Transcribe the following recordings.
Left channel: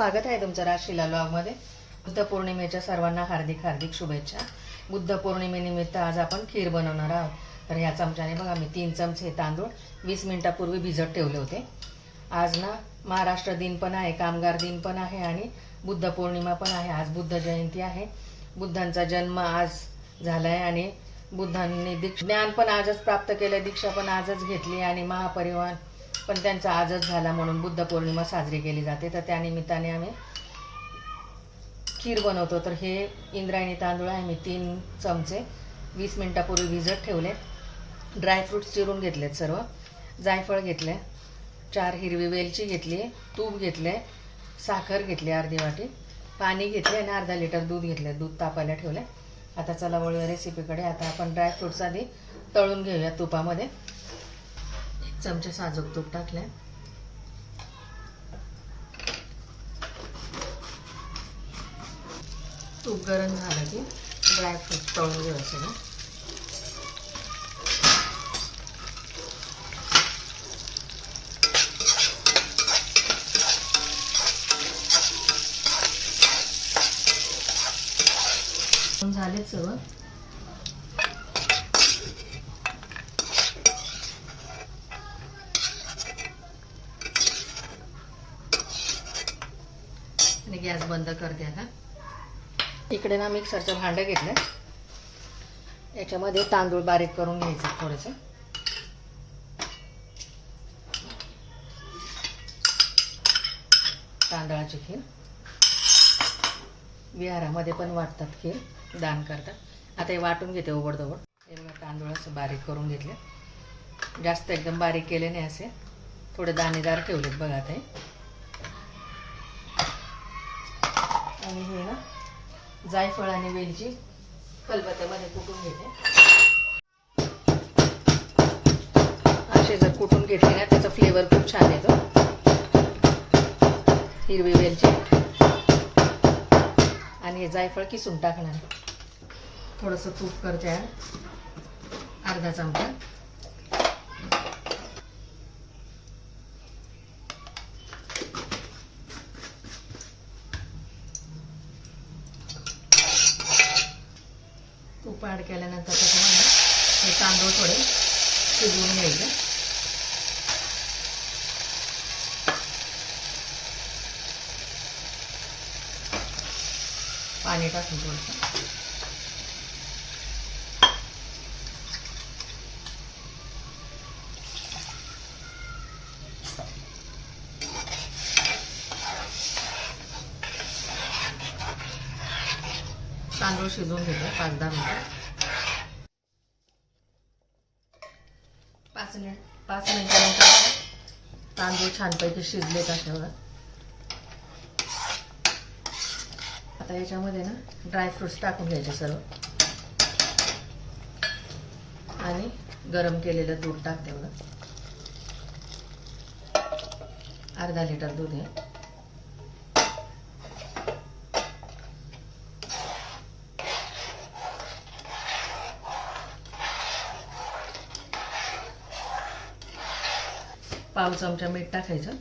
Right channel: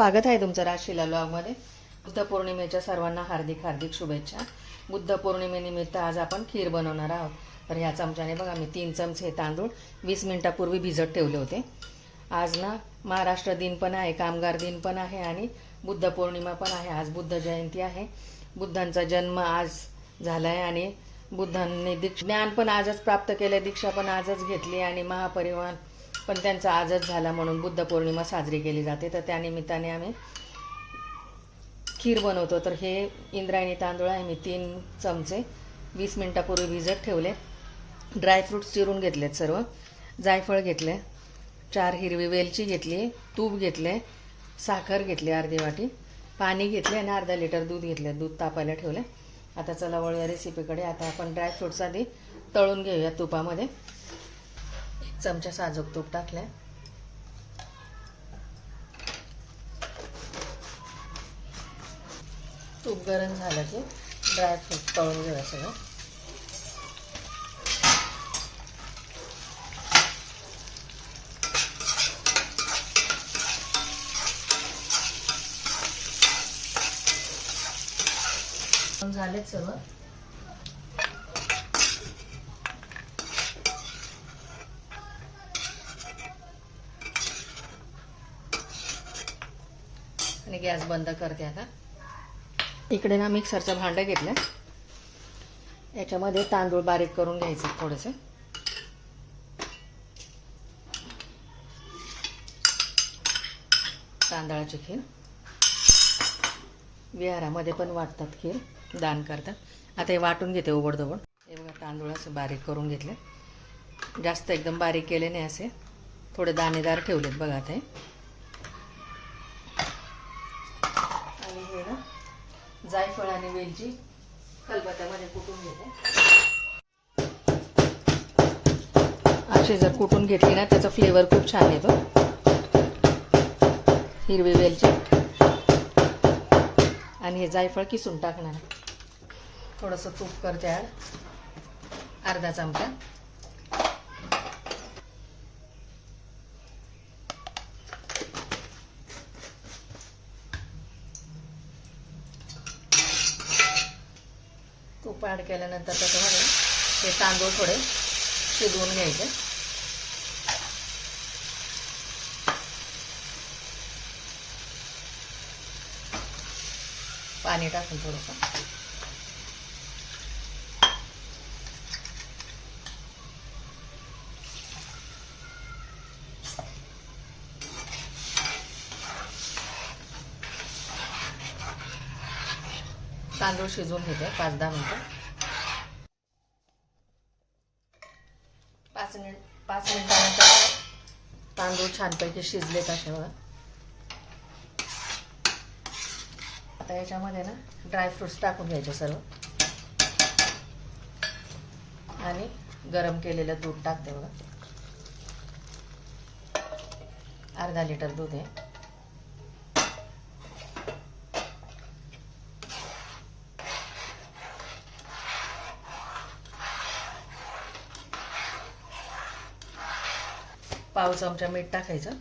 स्वागत आहे तुमचं राशीला लॉगमध्ये। बुद्ध पौर्णिमेच्या सर्वांना हार्दिक हार्दिक शुभेच्छा। बुद्ध पौर्णिमेनिमित्त आज आपण खीर बनवणार आहोत। तर या चमच्याने बघा मी 3 चमचे तांदूळ 20 मिनिटापूर्वी भिजत ठेवले होते। आज ना महाराष्ट्र दिन पण आहे, कामगार दिन पण आहे आणि बुद्ध पौर्णिमा पण आहे। आज बुद्ध जयंती आहे। बुद्धांचा जन्म आज झालाय आणि बुद्धांनी ज्ञान पण आजच प्राप्त केले, दीक्षा पण आजच घेतली आणि महापरिवार पण त्यांचा आजच झाला, म्हणून बुद्ध पौर्णिमा साजरी केली जाते। तर त्या निमित्ताने आम्ही खीर बनवतो। तर हे इंद्रायणी तांदूळ आहे, मी 3 चमचे 20 मिनिटापूर्वी भिजत ठेवले। ड्रायफ्रूट्स चिरून घेतलेत सर्व, जायफळ घेतले, 4 हिरवी वेलची घेतली, तूप घेतले, साखर घेतली अर्धी वाटी, पाणी घेतले आणि अर्धा लिटर दूध घेतले। दूध तापायला ठेवले। आता चला वळूया रेसिपीकडे। आता आपण ड्रायफ्रूट्स आधी तळून घेऊया तुपामध्ये। 1 चमचा साजूक तूप टाकले। तूप गरम झालं की ड्रायफ्रूट तळून घेऊया सगळं। झाले सर्व। आणि गॅस बंद करते। आता इकडे ना मिक्सरचं भांडं घेतलं, याच्यामध्ये तांदूळ बारीक करून घ्यायचं थोडंसं। तांदळाची खीर विहारामध्ये पण वाटतात, खीर दान करतात। आता हे वाटून घेते ओबडधोबड। हे बघा तांदूळ असं बारीक करून घेतले, जास्त एकदम बारीक केले नाही, असे थोडे दाणेदार ठेवलेत बघा। आता आणि हे ना जायफळ आणि वेलची खलबत्त्यामध्ये कुटून घेते। अशी जर कुटून घेतली ना त्याचा फ्लेवर खूप छान येतो। हिरवी वेलची आणि हे जायफळ किसून टाकणार। थोडंसं तूप करते, अर्धा चमचा। तूप ॲड केल्यानंतर त्याच्यामध्ये हे तांदूळ थोडे शिजवून घ्यायचे। पाणी टाकून थोडंसं तांदूळ शिजवून घेतो 5-10 मिनिटं। 5 मिनिटानंतर तांदूळ छानपैकी शिजलेत असे बघा। आता याच्यामध्ये ना ड्रायफ्रुट्स टाकून घ्यायचे सर्व आणि गरम केलेलं दूध टाकते बघा। अर्धा लिटर दूध आहे। पाव चमचा मीठ टाकायचं,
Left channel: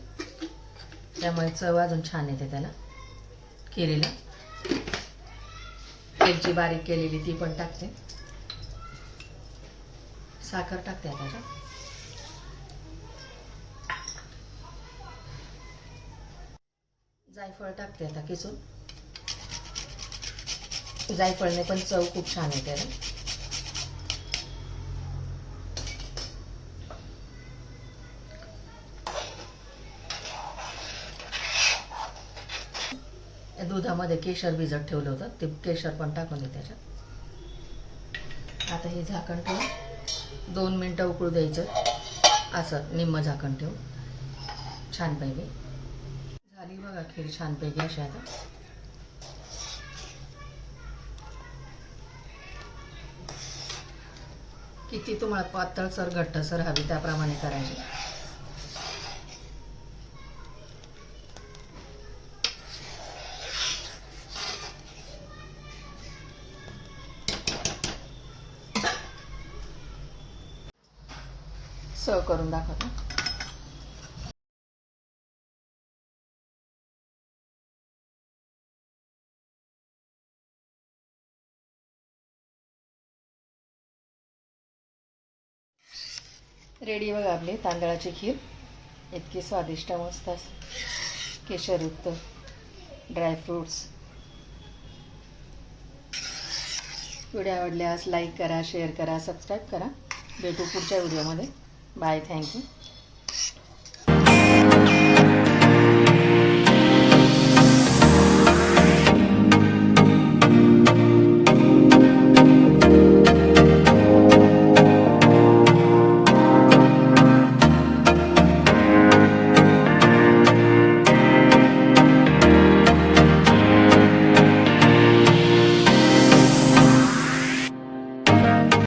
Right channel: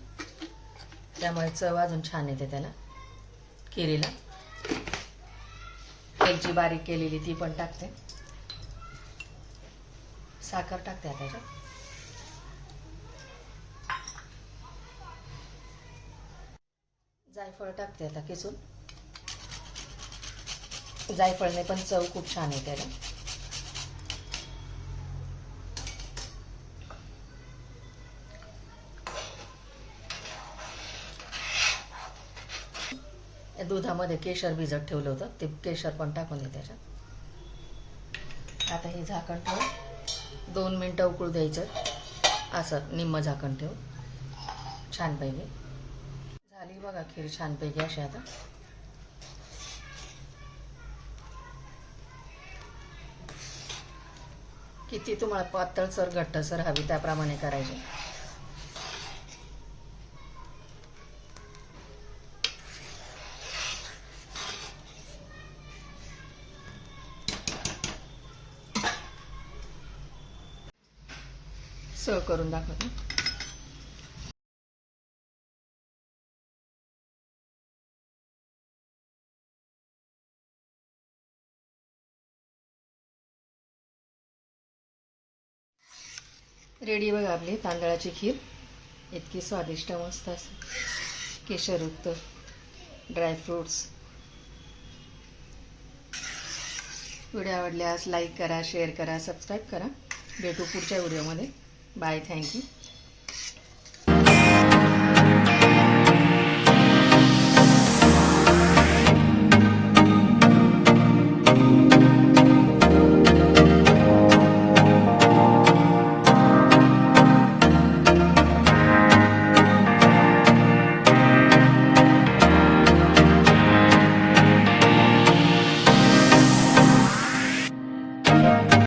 त्यामुळे चव अजून छान येते त्याला खिरीला। वेलची बारीक केलेली ती पण टाकते, साखर टाकते त्याच्यात, जायफळ टाकते आता किसून। जायफळने पण चव खूप छान येते। दुधामध्ये केशर भिजत ठेवलं होतं, ते केशर पण टाकून दे त्याच्यात। आता हे झाकण ठेवून 2 मिनिटं उकळू द्यायचं, असं निम्म झाकण ठेवून छानपैकी। झाली बघा खीर छानपैकी अशी। आता किती तुम्हाला पातळसर घट्टसर हवी त्याप्रमाणे करायची। सर्व करून दाखवते। रेडी बघा आपली तांदळाची खीर. इतकी स्वादिष्ट मस्त असते, केशरयुक्त, ड्रायफ्रूट्स. व्हिडिओ आवडल्यास लाईक करा, शेअर करा, सबस्क्राईब करा. भेटू पुढच्या व्हिडिओमध्ये. Bye, thank you.